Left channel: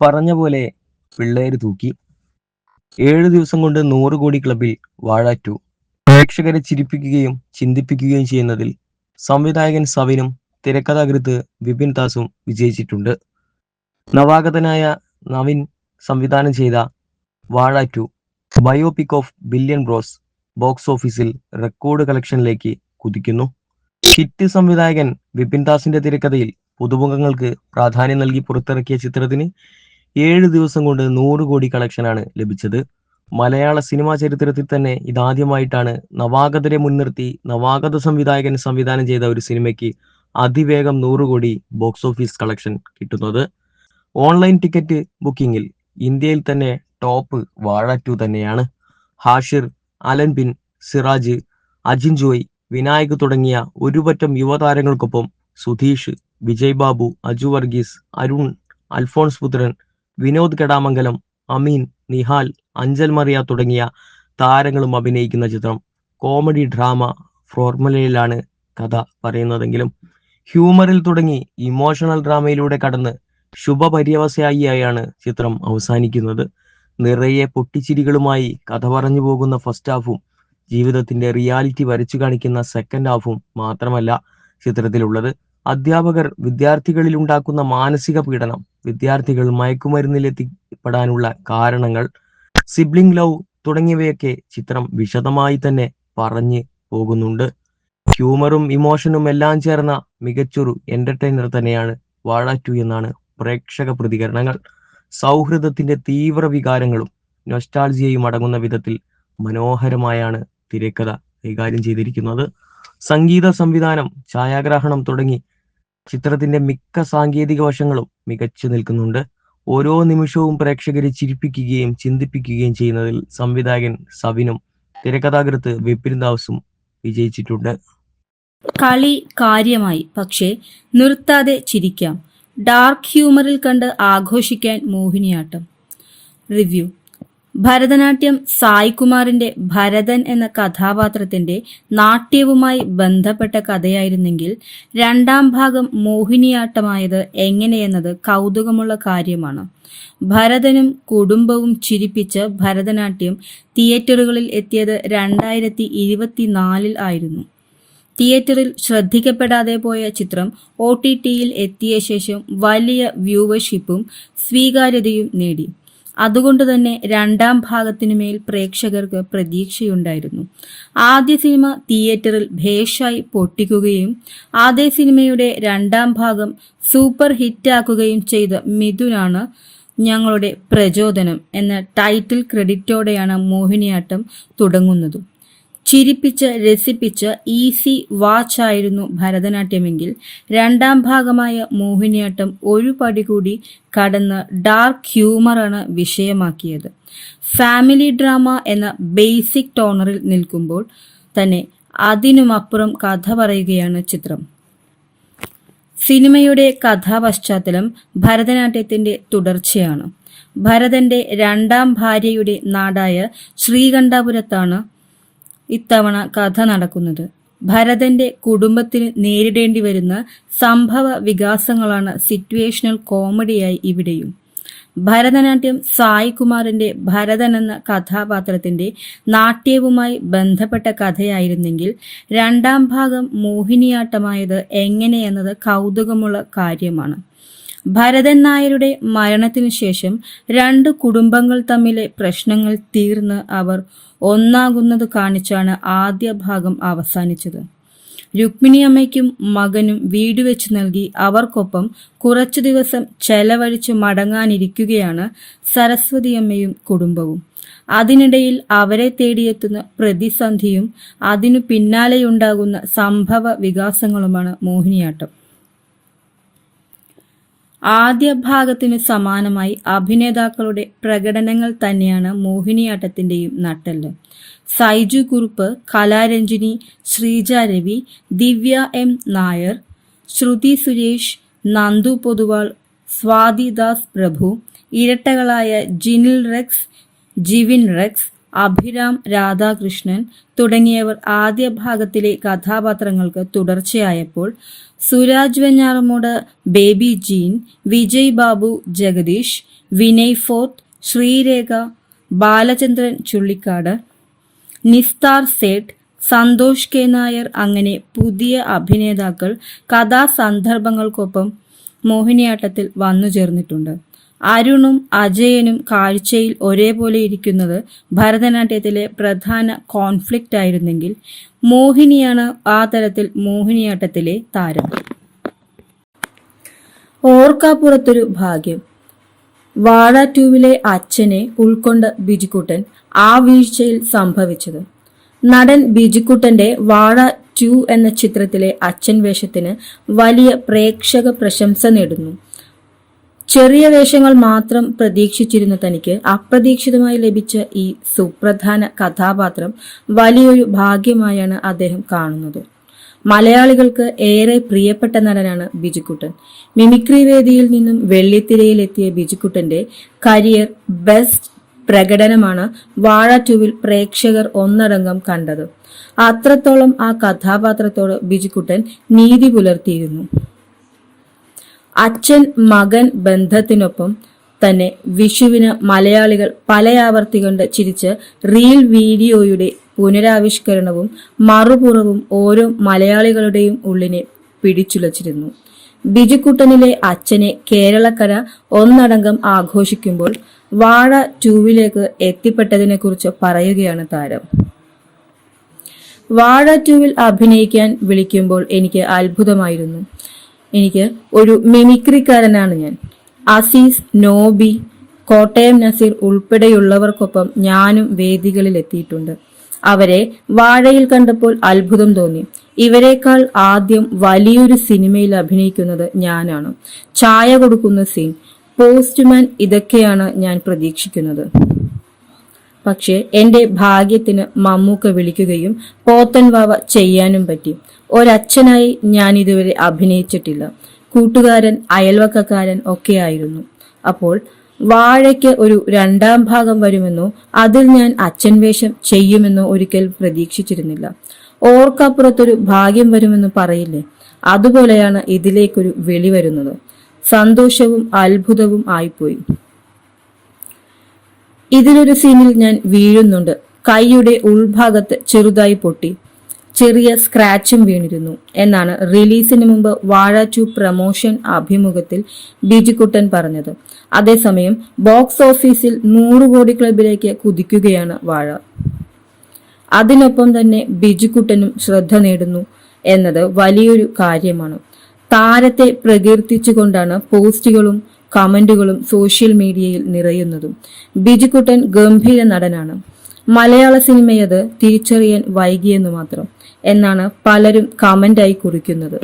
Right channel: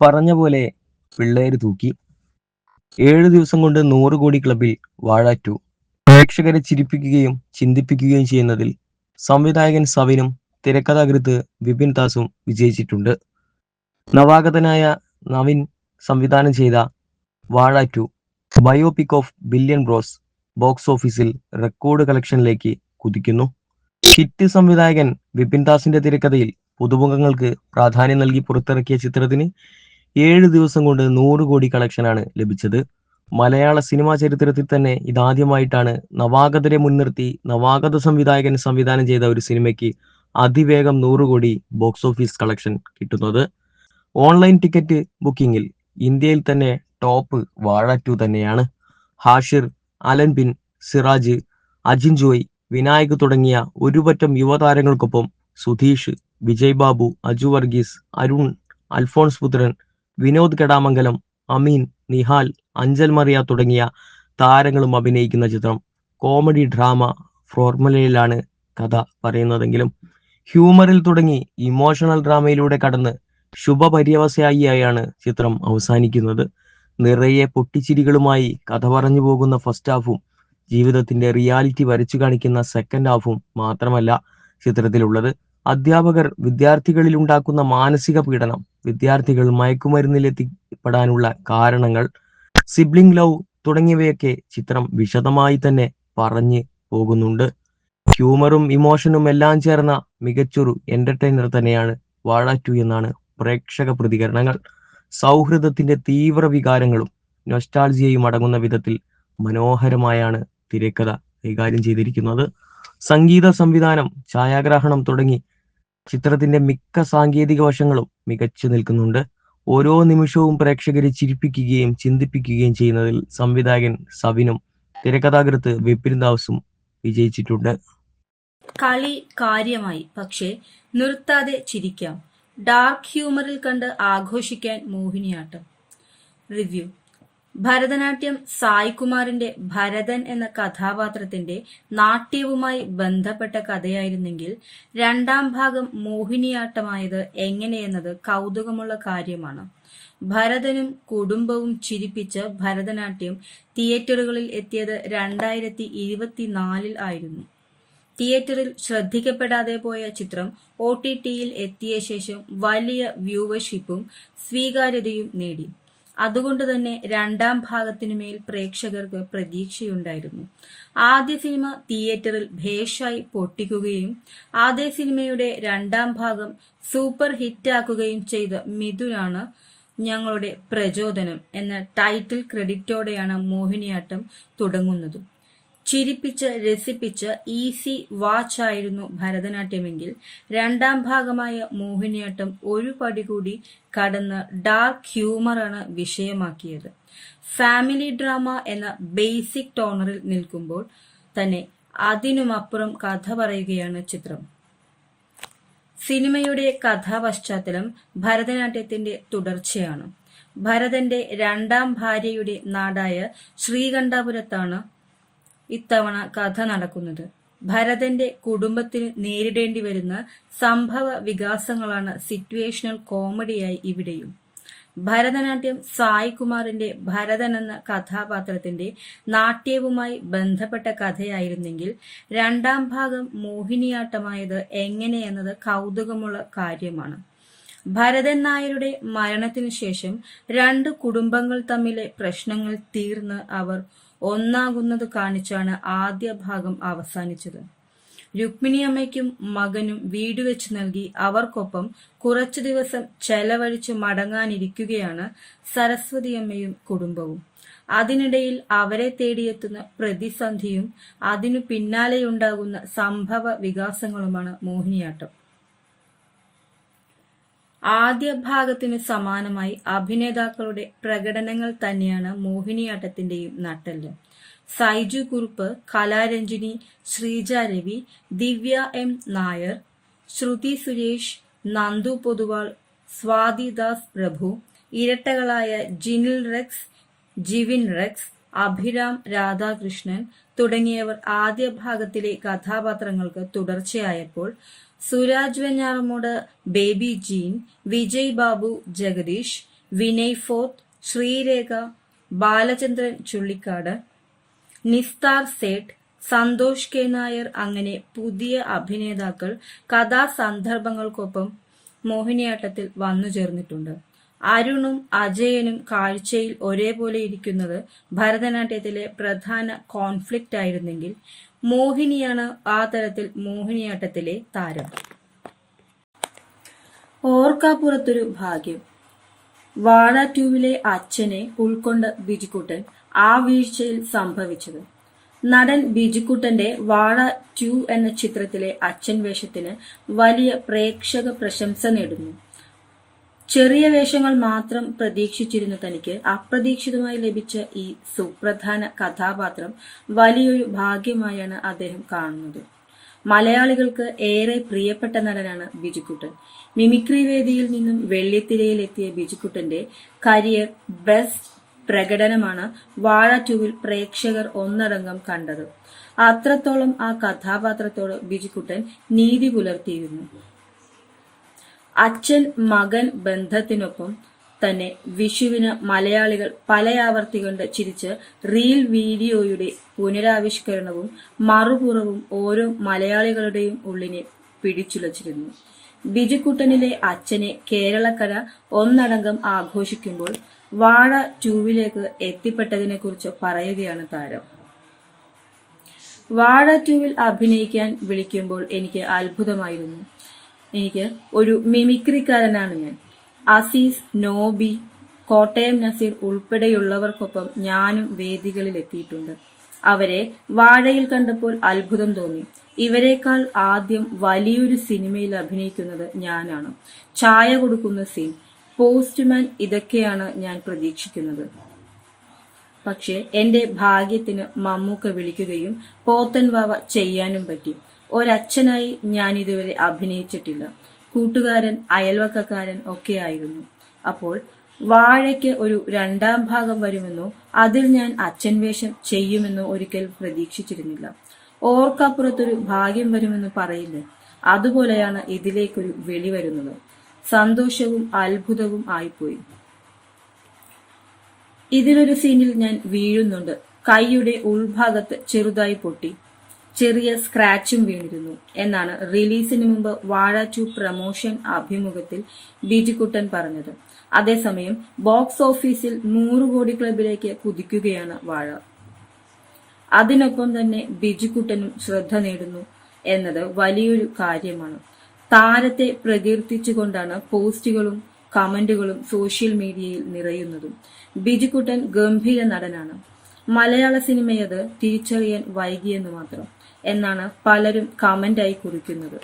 പറഞ്ഞ പോലെ പിള്ളേര് തൂക്കി. 7 ദിവസം കൊണ്ട് 100 കോടി ക്ലബിൽ വാഴ 2. പ്രേക്ഷകരെ ചിരിപ്പിക്കുകയും ചിന്തിപ്പിക്കുകയും ചെയ്യുന്നതിൽ സംവിധായകൻ സവിനും തിരക്കഥാകൃത്ത് വിപിൻ ദാസും വിജയിച്ചിട്ടുണ്ട്. നവാഗതനായ നവിൻ സംവിധാനം ചെയ്ത Vaazha 2 biopic of billion bros box ഓഫീസിൽ റെക്കോർഡ് കളക്ഷനിലേക്ക് കുതിക്കുന്നു. ഹിറ്റ് സംവിധായകൻ വിപിൻ ദാസിന്റെ തിരക്കഥയിൽ പുതുമുഖങ്ങൾക്ക് പ്രാധാന്യം നൽകി പുറത്തിറക്കിയ ചിത്രത്തിന് 7 ദിവസം കൊണ്ട് 100 കോടി കളക്ഷനാണ് ലഭിച്ചത്. മലയാള സിനിമാ ചരിത്രത്തിൽ തന്നെ ഇതാദ്യമായിട്ടാണ് നവാഗതരെ മുൻനിർത്തി നവാഗത സംവിധായകൻ സംവിധാനം ചെയ്ത ഒരു സിനിമയ്ക്ക് അതിവേഗം 100 കോടി ബോക്സ് ഓഫീസ് കളക്ഷൻ കിട്ടുന്നത്. ഓൺലൈൻ ടിക്കറ്റ് ബുക്കിംഗിൽ ഇന്ത്യയിൽ തന്നെ ടോപ്പ് വാഴ 2 തന്നെയാണ്. ഹാഷിർ, അലൻ സിറാജ്, അജിൻ ജോയ്, വിനായക് തുടങ്ങിയ ഒരുപറ്റം യുവതാരങ്ങൾക്കൊപ്പം സുധീഷ്, വിജയ് ബാബു, അജു വർഗീസ്, അരുൺ, അൽഫോൺസ് പുത്രൻ, വിനോദ് കെടാമംഗലം, അമീൻ, നിഹാൽ, അഞ്ചൽ മറിയ തുടങ്ങിയ താരങ്ങളും അഭിനയിക്കുന്ന ചിത്രം കോമഡി ഡ്രാമ ഫോർമുലയിലാണ് കഥ പറയുന്നതെങ്കിലും ഹ്യൂമറിൽ തുടങ്ങി ഇമോഷണൽ ഡ്രാമയിലൂടെ കടന്ന് ശുഭപര്യവസായിയായാണ് ചിത്രം അവസാനിക്കുന്നത്. നിറയെ പൊട്ടിച്ചിരികളുമായി കഥ പറഞ്ഞു പോകുന്ന ഫസ്റ്റ് ഹാഫും ജീവിതത്തിന്റെ റിയാലിറ്റി വരച്ചു കാണിക്കുന്ന സെക്കൻഡ് ഹാഫും മാത്രമല്ല ചിത്രത്തിലുള്ളത്. അധ്യാപകർ വിദ്യാർത്ഥികളിൽ ഉണ്ടാക്കുന്ന മാനസിക പീഡനം, വിദ്യാർത്ഥികൾ മയക്കുമരുന്നിലെത്തിപ്പെടാനുള്ള കാരണങ്ങൾ, സിബ്ലിംഗ് ലവ് തുടങ്ങിയവയൊക്കെ ചിത്രം വിശദമായി തന്നെ പറഞ്ഞു പോകുന്നുണ്ട്. ഹ്യൂമറും ഇമോഷനും എല്ലാം ചേർന്ന മികച്ചൊരു എന്റർടൈനർ തന്നെയാണ് വാഴ 2 എന്നാണ് പ്രേക്ഷക പ്രതികരണങ്ങൾ. സൗഹൃദത്തിന്റെ തീവ്ര വികാരങ്ങളും നൊസ്റ്റാൾജിയയും അടങ്ങുന്ന വിധത്തിൽ മനോഹരമായാണ് തിരക്കഥ കൈകാര്യം ചെയ്തിരിക്കുന്നത്. സംഗീത സംവിധാനം, ഛായാഗ്രഹണം തുടങ്ങി ചിത്രത്തിന്റെ മിക്ക സാങ്കേതിക വശങ്ങളും മികച്ചു നിൽക്കുന്നുണ്ട്. ഓരോ നിമിഷവും പ്രേക്ഷകരെ ചിരിപ്പിക്കുകയും ചിന്തിപ്പിക്കുകയും ചെയ്യുന്നതിൽ സംവിധായകൻ സവിനും തിരക്കഥാകൃത്ത് വിപിൻ ദാസും വിജയിച്ചിട്ടുണ്ട്. കളി കാര്യമായി, പക്ഷേ നിർത്താതെ ചിരിക്കാം. ഡാർക്ക് ഹ്യൂമറിൽ കണ്ട് ആഘോഷിക്കാൻ മോഹിനിയാട്ടം. റിവ്യൂ. ഭരതനാട്യം സായ്കുമാറിന്റെ ഭരതൻ എന്ന കഥാപാത്രത്തിന്റെ നാട്യവുമായി ബന്ധപ്പെട്ട കഥയായിരുന്നെങ്കിൽ രണ്ടാം ഭാഗം മോഹിനിയാട്ടമായത് എങ്ങനെയെന്നത് കൗതുകമുള്ള കാര്യമാണ്. ഭരതനും കുടുംബവും ചിരിപ്പിച്ച് ഭരതനാട്യം തിയേറ്ററുകളിൽ എത്തിയത് 2024 ആയിരുന്നു. തിയേറ്ററിൽ ശ്രദ്ധിക്കപ്പെടാതെ പോയ ചിത്രം OTTയിൽ എത്തിയ ശേഷം വലിയ വ്യൂവർഷിപ്പും സ്വീകാര്യതയും നേടി. അതുകൊണ്ട് തന്നെ രണ്ടാം ഭാഗത്തിനുമേൽ പ്രേക്ഷകർക്ക് പ്രതീക്ഷയുണ്ടായിരുന്നു. ആദ്യ സിനിമ തിയേറ്ററിൽ ഭേഷായി പൊട്ടിക്കുകയും അതേ സിനിമയുടെ രണ്ടാം ഭാഗം സൂപ്പർ ഹിറ്റാക്കുകയും ചെയ്ത മിഥുനാണ് ഞങ്ങളുടെ പ്രചോദനം എന്ന ടൈറ്റിൽ ക്രെഡിറ്റോടെയാണ് മോഹിനിയാട്ടം തുടങ്ങുന്നത്. ചിരിപ്പിച്ച് രസിപ്പിച്ച് ഈസി വാച്ച് ആയിരുന്നു ഭരതനാട്യമെങ്കിൽ രണ്ടാം ഭാഗമായ മോഹിനിയാട്ടം ഒരു പടി കൂടി കടന്ന് ഡാർക്ക് ഹ്യൂമറാണ് വിഷയമാക്കിയത്. ഫാമിലി ഡ്രാമ എന്ന ബേസിക് ടോണറിൽ നിൽക്കുമ്പോൾ തന്നെ അതിനുമപ്പുറം കഥ പറയുകയാണ് ചിത്രം. സിനിമയുടെ കഥാപശ്ചാത്തലം ഭരതനാട്യത്തിന്റെ തുടർച്ചയാണ്. ഭരതന്റെ രണ്ടാം ഭാര്യയുടെ നാടായ ശ്രീകണ്ഠപുരത്താണ് ഇത്തവണ കഥ നടക്കുന്നത്. ഭരതന്റെ കുടുംബത്തിന് നേരിടേണ്ടി വരുന്ന സംഭവ വികാസങ്ങളാണ് സിറ്റുവേഷണൽ കോമഡിയായി ഇവിടെയും. ഭരതനാട്യം സായ്കുമാറിന്റെ ഭരതൻ എന്ന കഥാപാത്രത്തിന്റെ നാട്യവുമായി ബന്ധപ്പെട്ട കഥയായിരുന്നെങ്കിൽ രണ്ടാം ഭാഗം മോഹിനിയാട്ടമായത് എങ്ങനെയെന്നത് കൗതുകമുള്ള കാര്യമാണ്. ഭരതൻ നായരുടെ മരണത്തിനു ശേഷം രണ്ട് കുടുംബങ്ങൾ തമ്മിലെ പ്രശ്നങ്ങൾ തീർന്ന് അവർ ഒന്നാകുന്നത് കാണിച്ചാണ് ആദ്യ ഭാഗം അവസാനിച്ചത്. രുക്മിണിയമ്മയ്ക്കും മകനും വീട് വെച്ച് നൽകി അവർക്കൊപ്പം കുറച്ചു ദിവസം ചെലവഴിച്ച് മടങ്ങാനിരിക്കുകയാണ് സരസ്വതിയമ്മയും കുടുംബവും. അതിനിടയിൽ അവരെ തേടിയെത്തുന്ന പ്രതിസന്ധിയും അതിനു പിന്നാലെയുണ്ടാകുന്ന സംഭവ വികാസങ്ങളുമാണ് മോഹിനിയാട്ടം. ആദ്യ ഭാഗത്തിന് സമാനമായി അഭിനേതാക്കളുടെ പ്രകടനങ്ങൾ തന്നെയാണ് മോഹിനിയാട്ടത്തിന്റെയും നട്ടെല്ല്. സൈജു കുറുപ്പ്, കലാരഞ്ജിനി, ശ്രീജ രവി, ദിവ്യ M നായർ, ശ്രുതി സുരേഷ്, നന്ദു പൊതുവാൾ, സ്വാതി ദാസ് പ്രഭു, ഇരട്ടകളായ ജിനിൽ റെക്സ്, ജിവിൻ റെക്സ്, അഭിരാം രാധാകൃഷ്ണൻ തുടങ്ങിയവർ ആദ്യ ഭാഗത്തിലെ കഥാപാത്രങ്ങൾക്ക് തുടർച്ചയായപ്പോൾ സുരാജ് വെഞ്ഞാറമൂട്, ബേബി ജീൻ, വിജയ് ബാബു, ജഗദീഷ്, വിനയ് ഫോർട്ട്, ശ്രീരേഖ, ബാലചന്ദ്രൻ ചുള്ളിക്കാട്, നിസ്താർ സേഠ്, സന്തോഷ് കെ നായർ അങ്ങനെ പുതിയ അഭിനേതാക്കൾ കഥാസന്ദർഭങ്ങൾക്കൊപ്പം മോഹിനിയാട്ടത്തിൽ വന്നു ചേർന്നിട്ടുണ്ട്. അരുണും അജയനും കാഴ്ചയിൽ ഒരേപോലെ ഇരിക്കുന്നത് ഭരതനാട്യത്തിലെ പ്രധാന കോൺഫ്ലിക്റ്റ് ആയിരുന്നെങ്കിൽ മോഹിനിയാണ് ആ തരത്തിൽ മോഹിനിയാട്ടത്തിലെ താരം. ഓർക്കാപ്പുറത്തൊരു ഭാഗ്യം. വാഴ 2 അച്ഛനെ ഉൾക്കൊണ്ട ബിജുക്കുട്ടൻ ആ വീഴ്ചയിൽ സംഭവിച്ചത്. നടൻ ബിജുക്കുട്ടന്റെ വാഴ 2 എന്ന ചിത്രത്തിലെ അച്ഛൻ വേഷത്തിന് വലിയ പ്രേക്ഷക പ്രശംസ നേടുന്നു. ചെറിയ വേഷങ്ങൾ മാത്രം പ്രതീക്ഷിച്ചിരുന്ന തനിക്ക് അപ്രതീക്ഷിതമായി ലഭിച്ച ഈ സുപ്രധാന കഥാപാത്രം വലിയൊരു ഭാഗ്യമായാണ് അദ്ദേഹം കാണുന്നത്. മലയാളികൾക്ക് ഏറെ പ്രിയപ്പെട്ട നടനാണ് ബിജുക്കുട്ടൻ. മിമിക്രി വേദിയിൽ നിന്നും വെള്ളിത്തിരയിലെത്തിയ ബിജുക്കുട്ടന്റെ കരിയർ ബെസ്റ്റ് പ്രകടനമാണ് വാഴ 2 പ്രേക്ഷകർ ഒന്നടങ്കം കണ്ടത്. അത്രത്തോളം ആ കഥാപാത്രത്തോട് ബിജുക്കുട്ടൻ നീതി പുലർത്തിയിരുന്നു. അച്ഛൻ മകൻ ബന്ധത്തിനൊപ്പം തന്നെ വിഷുവിന് മലയാളികൾ പലയാവർത്തി കൊണ്ട് ചിരിച്ച റീൽ വീഡിയോയുടെ പുനരാവിഷ്കരണവും മറുപുറവും ഓരോ മലയാളികളുടെയും ഉള്ളിനെ പിടിച്ചുലച്ചിരുന്നു. ബിജുക്കുട്ടനിലെ അച്ഛനെ കേരളക്കര ഒന്നടങ്കം ആഘോഷിക്കുമ്പോൾ വാഴ 2 എത്തിപ്പെട്ടതിനെ കുറിച്ച് പറയുകയാണ് താരം. വാഴ 2 അഭിനയിക്കാൻ വിളിക്കുമ്പോൾ എനിക്ക് അത്ഭുതമായിരുന്നു. എനിക്ക് ഒരു മിമിക്രിക്കാരനാണ് ഞാൻ. അസീസ്, നോബി, കോട്ടയം നസീർ ഉൾപ്പെടെയുള്ളവർക്കൊപ്പം ഞാനും വേദികളിൽ എത്തിയിട്ടുണ്ട്. അവരെ വാഴയിൽ കണ്ടപ്പോൾ അത്ഭുതം തോന്നി. ഇവരെക്കാൾ ആദ്യം വലിയൊരു സിനിമയിൽ അഭിനയിക്കുന്നത് ഞാനാണ്. ചായ കൊടുക്കുന്ന സീൻ, പോസ്റ്റ്മാൻ, ഇതൊക്കെയാണ് ഞാൻ പ്രതീക്ഷിക്കുന്നത്. പക്ഷേ എന്റെ ഭാഗ്യത്തിന് മമ്മൂക്ക വിളിക്കുകയും പോത്തൻ വാവ ചെയ്യാനും പറ്റി. ഒരച്ഛനായി ഞാൻ ഇതുവരെ അഭിനയിച്ചിട്ടില്ല. കൂട്ടുകാരൻ, അയൽവക്കക്കാരൻ ഒക്കെയായിരുന്നു. അപ്പോൾ വാഴയ്ക്ക് ഒരു 2ാം ഭാഗം വരുമെന്നോ അതിൽ ഞാൻ അച്ഛൻ വേഷം ചെയ്യുമെന്നോ ഒരിക്കൽ പ്രതീക്ഷിച്ചിരുന്നില്ല. ഓർക്കപ്പുറത്തൊരു ഭാഗ്യം വരുമെന്ന് പറയില്ലേ, അതുപോലെയാണ് ഇതിലേക്കൊരു വിളി വരുന്നത്. സന്തോഷവും അത്ഭുതവും ആയിപ്പോയി. ഇതിലൊരു സീനിൽ ഞാൻ വീഴുന്നുണ്ട്. കൈയുടെ ഉൾഭാഗത്ത് ചെറുതായി പൊട്ടി, ചെറിയ സ്ക്രാച്ചും വീണിരുന്നു എന്നാണ് റിലീസിന് മുമ്പ് വാഴ 2 പ്രമോഷൻ അഭിമുഖത്തിൽ ബിജുക്കുട്ടൻ പറഞ്ഞത്. അതേസമയം ബോക്സ് ഓഫീസിൽ 100 കോടി ക്ലബിലേക്ക് കുതിക്കുകയാണ് വാഴ. അതിനൊപ്പം തന്നെ ബിജുക്കുട്ടനും ശ്രദ്ധ നേടുന്നു എന്നത് വലിയൊരു കാര്യമാണ്. താരത്തെ പ്രകീർത്തിച്ചുകൊണ്ടാണ് പോസ്റ്റുകളും കമന്റുകളും സോഷ്യൽ മീഡിയയിൽ നിറയുന്നതും. ബിജുക്കുട്ടൻ ഗംഭീര നടനാണ്. മലയാള സിനിമയത് തിരിച്ചറിയാൻ വൈകിയെന്നു മാത്രം എന്നാണ് പലരും കമന്റായി കുറിക്കുന്നത്.